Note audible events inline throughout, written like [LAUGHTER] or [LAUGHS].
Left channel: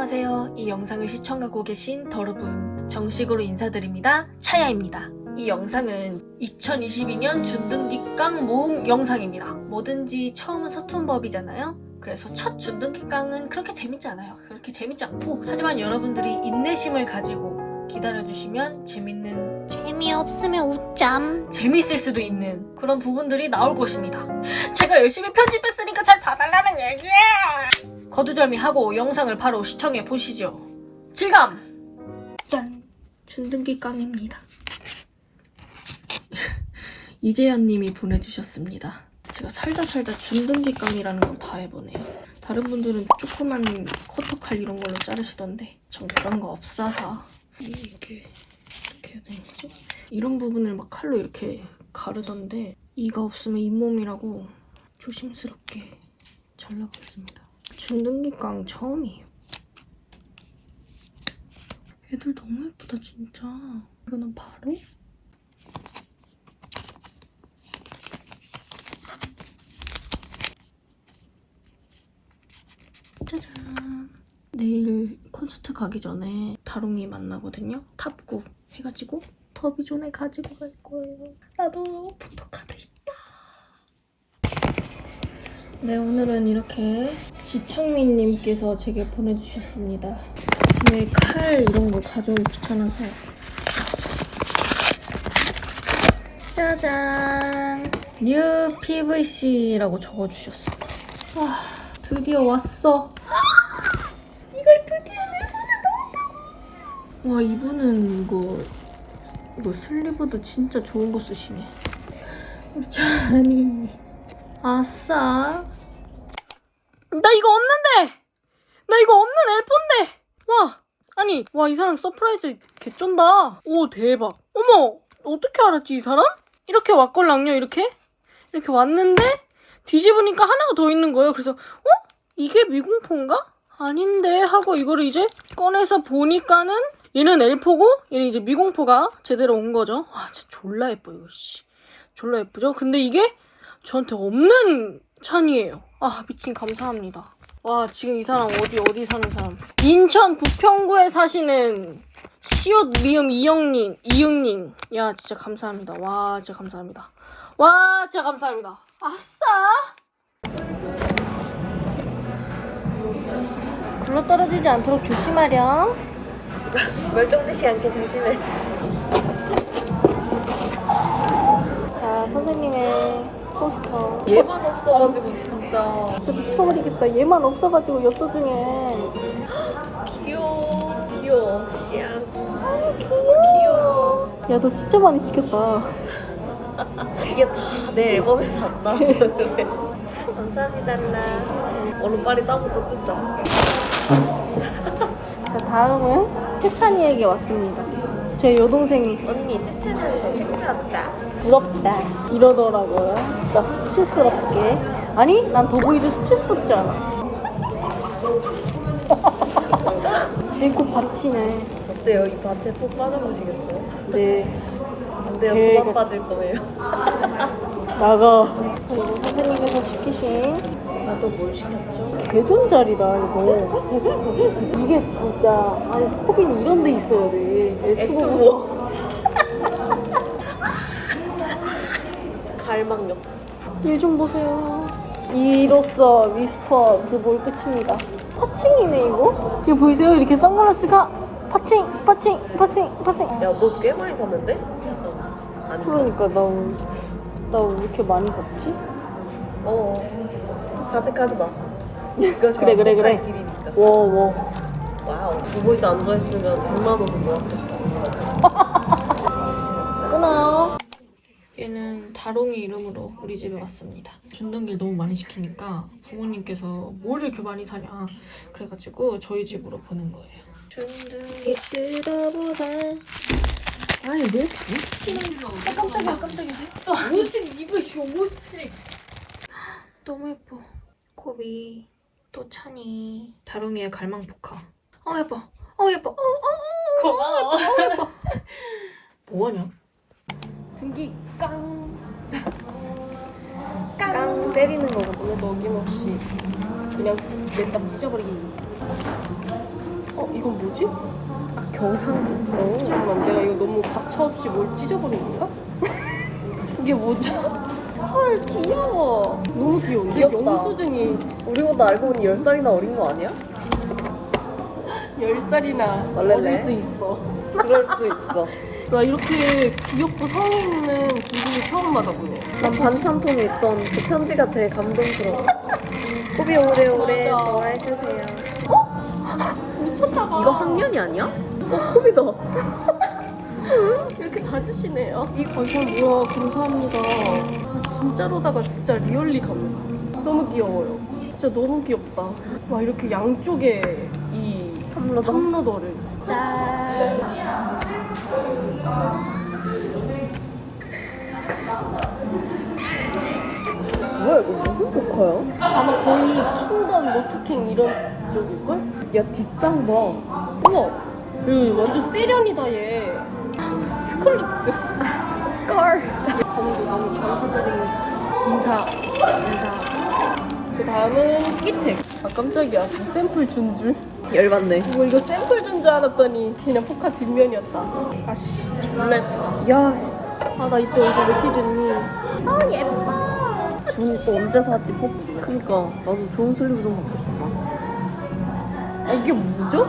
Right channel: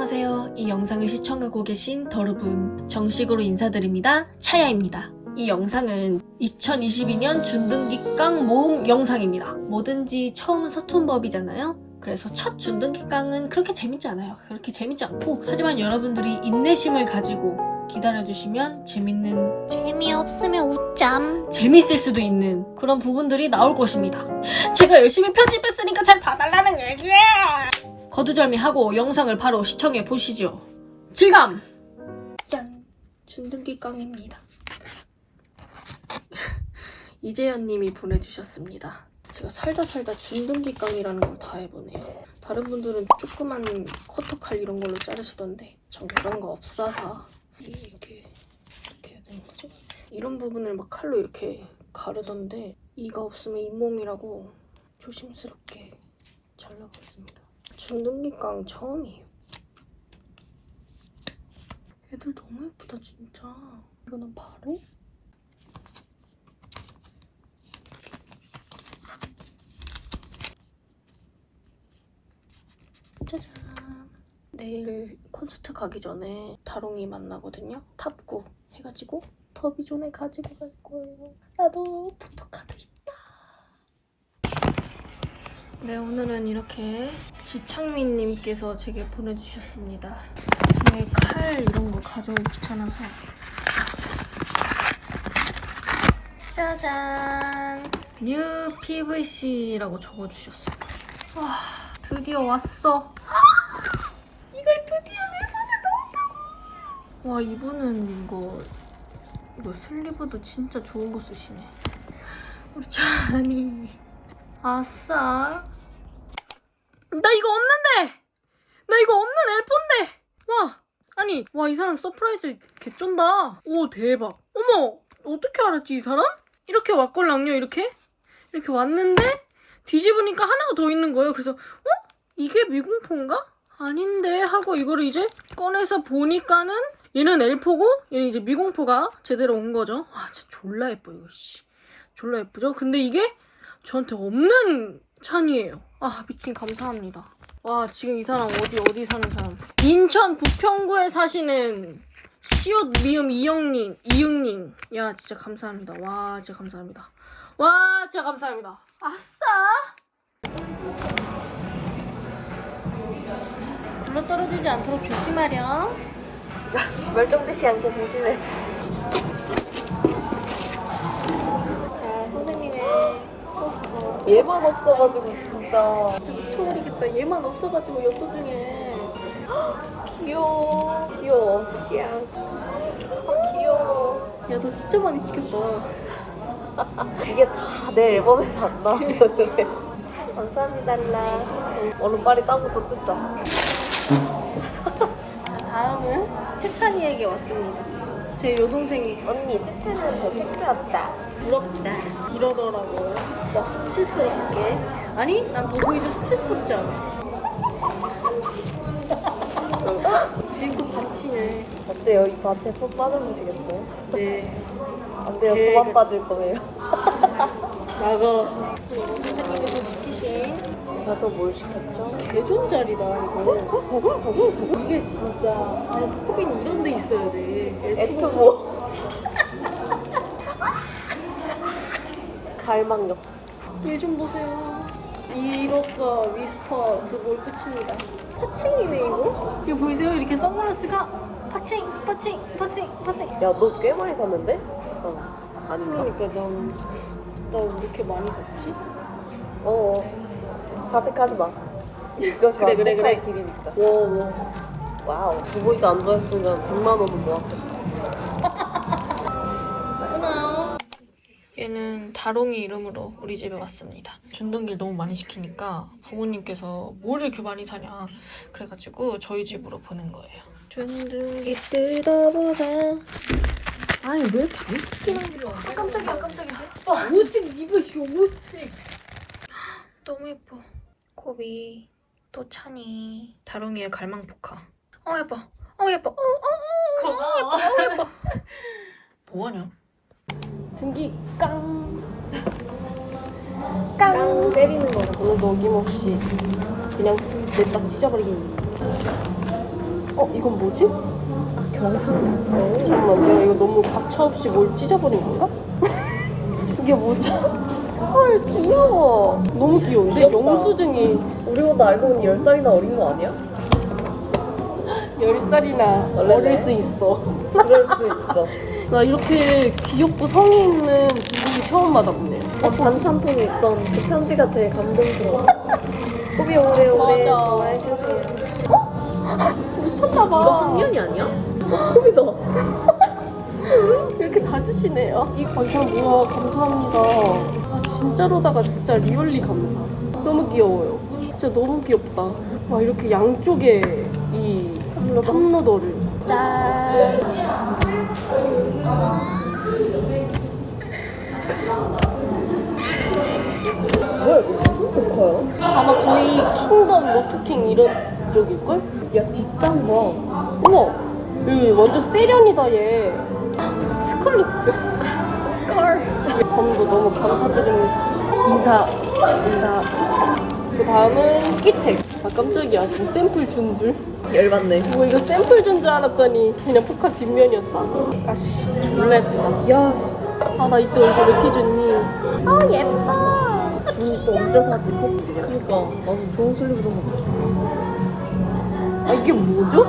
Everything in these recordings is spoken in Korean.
안녕하세요. 이 영상을 시청하고 계신 여러분, 정식으로 인사드립니다. 차야입니다. 이 영상은 2022년 준등기 깡 모음 영상입니다. 뭐든지 처음은 서툰 법이잖아요. 그래서 첫 준등기 깡은 그렇게 재밌지 않아요. 그렇게 재밌지 않고 하지만 여러분들이 인내심을 가지고 기다려주시면 재밌는 재미없으면 웃잠. 재밌을 수도 있는 그런 부분들이 나올 것입니다. 제가 열심히 편집했으니까 잘 봐달라는 얘기야. 거두절미하고 영상을 바로 시청해 보시죠. 질감. 짠. 준등기 깡입니다. [LAUGHS] 이재현님이 보내주셨습니다. 제가 살다 살다 준등기 깡이라는 걸 다 해보네요. 다른 분들은 조그만 커터칼 이런 걸로 자르시던데 전 그런 거 없어서 이게 이렇게 어떻게 해야 되는 거죠? 이런 부분을 막 칼로 이렇게 가르던데 이가 없으면 잇몸이라고 조심스럽게 잘라봤습니다. 중등기깡 처음이에요. 얘들 너무 예쁘다 진짜. 이거는 바로 짜잔. 내일 콘서트 가기 전에 다롱이 만나거든요. 탑구 해가지고 더비존에 가지고 갈 거예요. 나도 포토카드 있다. 네, 오늘은 이렇게 지창민님께서 제게 보내주셨습니다. 제칼 이런 거 가져오기 귀찮아서. 짜잔! 뉴 PVC라고 적어주셨어. 와, 드디어 왔어. 이걸 드디어 내 손에 넣었다고. 와, 이분은 이거 이거 슬리브도 진짜 좋은 거 쓰시네. 우리 찬이. 아싸. 나 이거 없는데! 나 이거 없는 엘폰데! 와! 아니, 와, 이 사람 서프라이즈 개쩐다. 오, 대박. 어머! 어떻게 알았지, 이 사람? 이렇게 왔걸랑요, 이렇게? 이렇게 왔는데, 뒤집으니까 하나가 더 있는 거예요. 그래서, 어? 이게 미공포인가? 아닌데, 하고 이거를 이제 꺼내서 보니까는, 얘는 엘포고, 얘는 이제 미공포가 제대로 온 거죠. 와, 진짜 졸라 예뻐, 이거, 씨. 졸라 예쁘죠? 근데 이게 저한테 없는 찬이에요. 아, 미친 감사합니다. 와, 지금 이 사람 어디, 어디 사는 사람? 인천 부평구에 사시는 시옷 리움 이영님, 이응님. 야, 진짜 감사합니다. 와, 진짜 감사합니다. 와, 진짜 감사합니다. 아싸! 굴러 떨어지지 않도록 조심하렴. [LAUGHS] 멀쩡듯이 않게 조심해. 자, 선생님의 포스터. 얘만 없어가지고 진짜 진짜 미쳐버리겠다. 얘만 없어가지고 엽서 중에. 귀여워. 귀여워. 씨야. 아, 귀여워. 야, 너 진짜 많이 시켰다. 이게 다 내 앨범에서 안 나와서 그래. 감사합니다, 라. 얼른 빨리 땀부터 뜯자. 자, 다음은 태찬이에게 왔습니다. 제 여동생이 언니, 채채한테 챙겨왔다. 부럽다 이러더라고요. 진짜 수치스럽게. 아니, 난 더 보이즈 수치스럽지 않아. [LAUGHS] 제코 받치네. 어때요? 이 밭에 푹 빠져보시겠어요? 네. 안 돼요. 개 도망 빠질 거예요. [LAUGHS] 나가. 선생님께서 시키신 제가 또 뭘 시켰죠? 개존잘이다 이거. 이게 진짜 아니 코빈 이런 데 있어야 돼. 액투보. [LAUGHS] 갈망력. 일 좀 보세요. 이로써 위스퍼 두볼 끝입니다. 파칭이네 이거? 이거 보이세요? 이렇게 선글라스가 파칭, 파칭, 파칭, 파칭. 야, 너 꽤 많이 샀는데? 잠깐만. 아니, 그러니까 나 나 왜 이렇게 많이 샀지? 어. 자책하지 마. 이것이 그래, 그래, 그래. 길이니까. 워 워. 와우. 두보이즈 안 좋아했으면 100만 원은 모았겠다. 끊어요. 얘는 다롱이 이름으로 우리 집에 왔습니다. 준등기를 너무 많이 시키니까 부모님께서 뭘 이렇게 많이 사냐 그래가지고 저희 집으로 보낸 거예요. 준등기 뜯어보자. 아니 왜 반짝이는 거? 깜짝이야 깜짝이야. 무슨 이거 무슨? 너무 예뻐. 코비 또 찬이 다롱이의 갈망 포카. 어 예뻐. 어 예뻐. 어, 어, 어, 고마워. 어 예뻐. 뭐하냐? 등기 깡. 깡. 때리는 걸로 어김없이 그냥 냅다 찢어버리기. 어 이건 뭐지? 경상도. 잠깐만 내가 이거 너무 가차없이 뭘 찢어버린 건가? 이게 뭐죠? [LAUGHS] 헐 귀여워. 너무 귀여운데 영수증이 우리보다 알고 보니 10살이나 어린 거 아니야? [LAUGHS] 10살이나 어릴 수 있어. 그럴 수 있어. [LAUGHS] 나 이렇게 귀엽고 성의 있는 분위기 처음 받아보네요. 반찬통에 있던 그 편지가 제일 감동스러워. 우리 오래 오래 맞아. 해주세요. 미쳤나봐. 학년이 아니야? 코비다. 이렇게 다 주시네요. 아, 이 사람 뭐야. 감사합니다. 아, 진짜로다가 진짜 리얼리 감사. 너무 귀여워요. 진짜 너무 귀엽다. 와, 이렇게 양쪽에 이 탑로더를. 짠. 아마 거의 킹덤, 로트킹 이런 쪽일걸? 야 뒷장 봐. 우와! 여기 완전 세련이다, 얘. 스컬룩스. 덤도 너무 감사드립니다. 인사, 인사. 그 다음은 끼택. 아, 깜짝이야. 뭐 샘플 준 줄? 열받네. 뭐 이거 샘플 준 줄 알았더니 그냥 포카 뒷면이었다. 아씨, 졸라 예쁘다. 야, 아, 나 이때 얼굴 왜 이렇게 좋니? 아, 예뻐. 준 언제 사지 커플이야? 그니까 나도 좋은 슬립으로 아, 이게 뭐죠?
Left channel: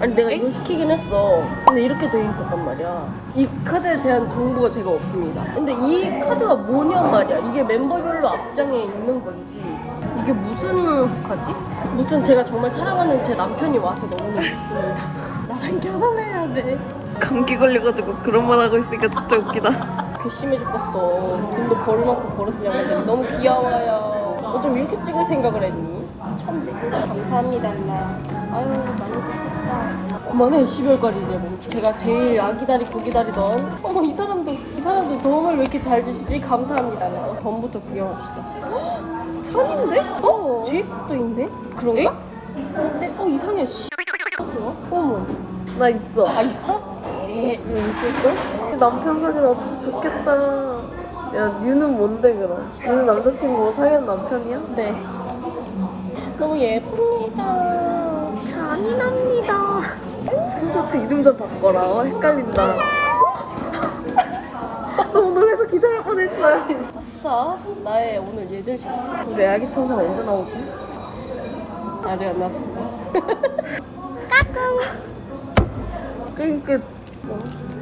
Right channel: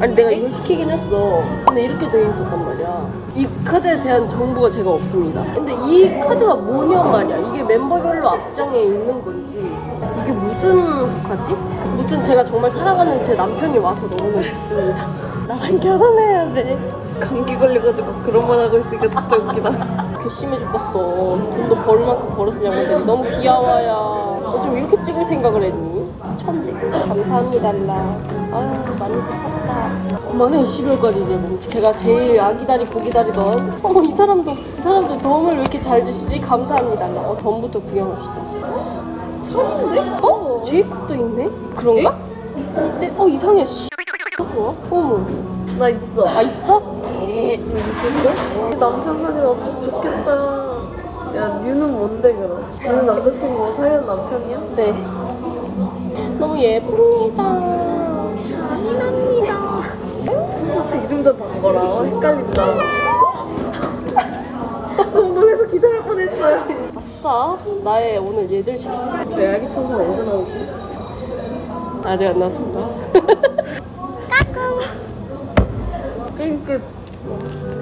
아니, 내가 이걸 시키긴 했어. 근데 이렇게 돼 있었단 말이야. 이 카드에 대한 정보가 제가 없습니다. 근데 이 카드가 뭐냔 말이야. 이게 멤버별로 앞장에 있는 건지. 이게 무슨 포카지? 무튼 제가 정말 사랑하는 제 남편이 와서 너무너무 좋습니다. [LAUGHS] 나랑 결혼해야 돼. 감기 걸려가지고 그런 말 하고 있으니까 진짜 웃기다. 괘씸해 죽겠어. 돈도 벌을 만큼 벌었을 양반들이 너무 귀여워요. 어쩜 이렇게 찍을 생각을 했니? 천재. 감사합니다, 라. 아유, 많이도 샀다. 그만해, 12월까지 이제 멈춰. 제가 제일 아기다리 고기다리던 [LAUGHS] 어머, 이 사람도, 이 사람도 덤을 왜 이렇게 잘 주시지? 감사합니다, 라. 어, 덤부터 구경합시다. 어? 제이콥도 있네? 그런가? 네? 어, 이상해, 씨. 좋아? 어머. 나 있어. 아, 있어? 에 있을걸? 남편 사진 없어 좋겠다. 야, 뉴는 뭔데 그럼? 너는 남자친구가 사귀는 남편이야? 네. 너무 예쁩니다. 콘서트 이름 잡은 거랑 헷갈린다. [LAUGHS] 오늘 회사 기다릴 뻔했어요. 아싸, 나의 오늘 예절샷. 내 아기 청소 언제 나오지? 아직 안 나왔습니다. [LAUGHS] 게임 끝. Thank you.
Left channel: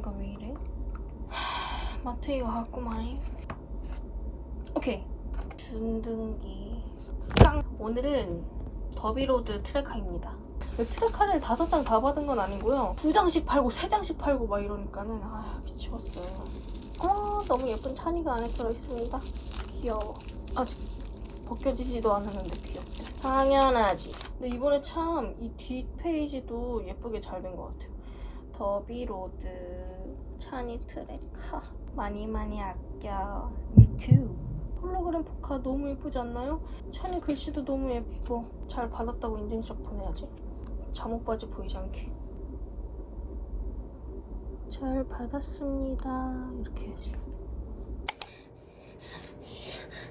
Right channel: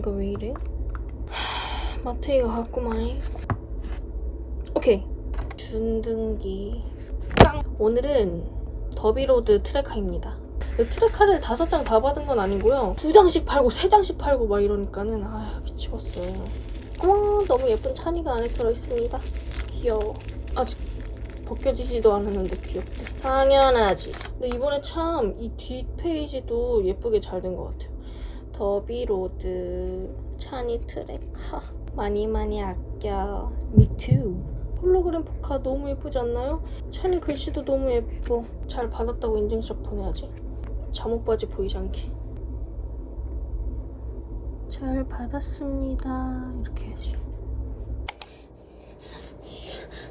이거 왜 이래? [SIGHS] 하, 마트이가 갔구만. 오케이. 준등기. 깡. 오늘은 더비로드 트레카입니다. 트레카를 다섯 장 다 받은 건 아니고요. 두 장씩 팔고 세 장씩 팔고 막 이러니까는 아 미치겠어요. 어머 너무 예쁜 찬이가 안에 들어있습니다. 귀여워. 아직 벗겨지지도 않았는데 귀엽대. 당연하지. 근데 이번에 참 이 뒷페이지도 예쁘게 잘 된 것 같아요. 더비로드 찬이 트레카. 많이 많이 아껴. 미투 홀로그램 포카 너무 예쁘지 않나요? 찬이 글씨도 너무 예뻐. 잘 받았다고 인증샷 보내야지. 잠옷 바지 보이지 않게. 잘 받았습니다. 이렇게 해야지.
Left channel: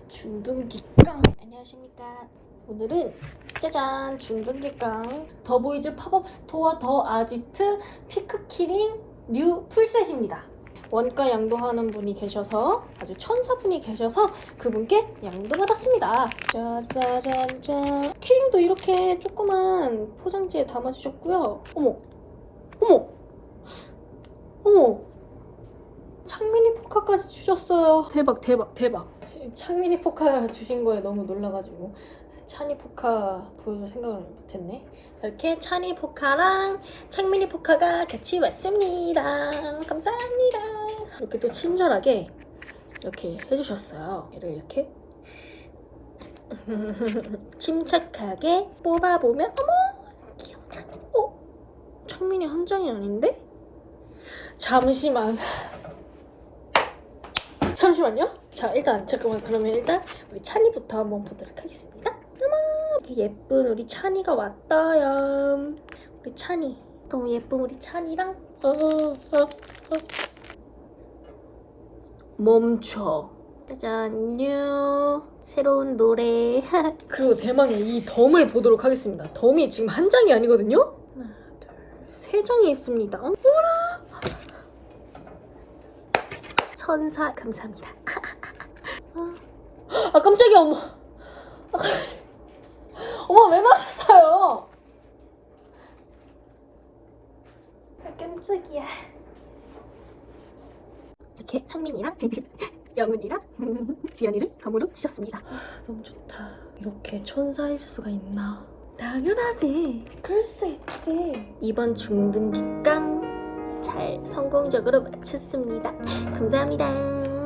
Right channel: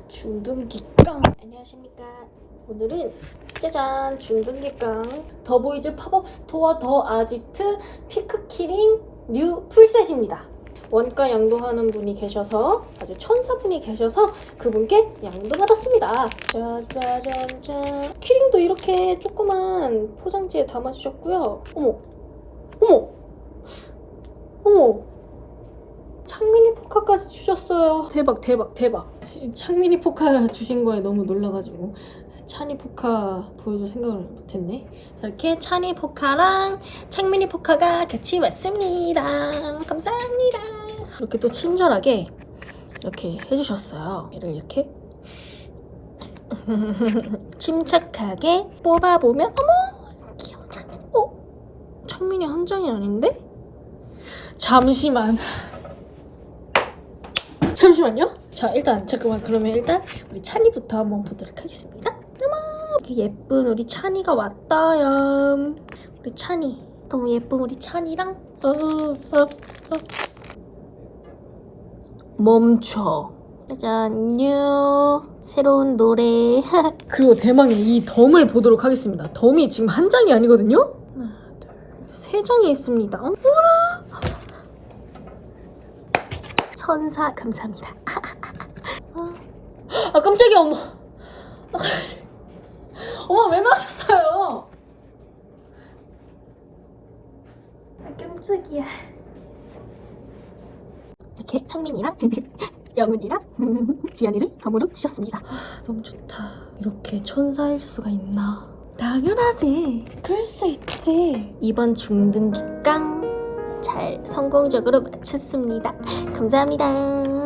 중등기 깡. 안녕하십니까. 오늘은 짜잔 중등기깡 더보이즈 팝업 스토어 더 아지트 피크 키링 뉴 풀셋입니다. 원가 양도하는 분이 계셔서 아주 천사분이 계셔서 그분께 양도 받았습니다. 짜자잔짠 키링도 이렇게 조그만 포장지에 담아주셨고요. 어머, 어머, 어머. 창민 포카까지 주셨어요. 대박 대박 대박. 창민이 포카 주신 거에 너무 놀라가지고 찬이 포카 보여줄 생각을 못했네. 자, 이렇게 찬이 포카랑 창민이 포카가 같이 왔습니다. 감사합니다. 이렇게 또 친절하게 이렇게 해주셨어요. 얘를 이렇게 [LAUGHS] 침착하게 뽑아보면 어머 귀여운 창민. 어? 창민이 한 장이 아닌데? 잠시만. 잠시만요. 자, 일단 잠깐만 그러면 일단 우리 찬이부터 한번 보도록 하겠습니다. 이렇게 예쁜 우리 찬이가 왔다요. 우리 찬이 너무 예쁜 우리 찬이랑 어, 어, 어. 멈춰. 짜잔, 뉴 새로운 노래. [LAUGHS] 그리고 대망의 이 덤을 보도록 하겠습니다. 덤이 지금 한 장이 아니거든요. 하나, 둘, 세 장이 있습니다. 어머나. 천사 감사합니다. [LAUGHS] 아 깜짝이야 엄마. [LAUGHS] 아, 엄마 왜 나오셨어요? 아, 깜짝이야. 이렇게 창민이랑 [LAUGHS] 영훈이랑 [LAUGHS] 주연이를 덤으로 주셨습니다. 아, 너무 좋다. 이렇게 천사일 수가 있나? 당연하지. 그럴 수 있지. 이번 중등기 깡 잘 성공적으로 마쳤습니다. 감사합니다.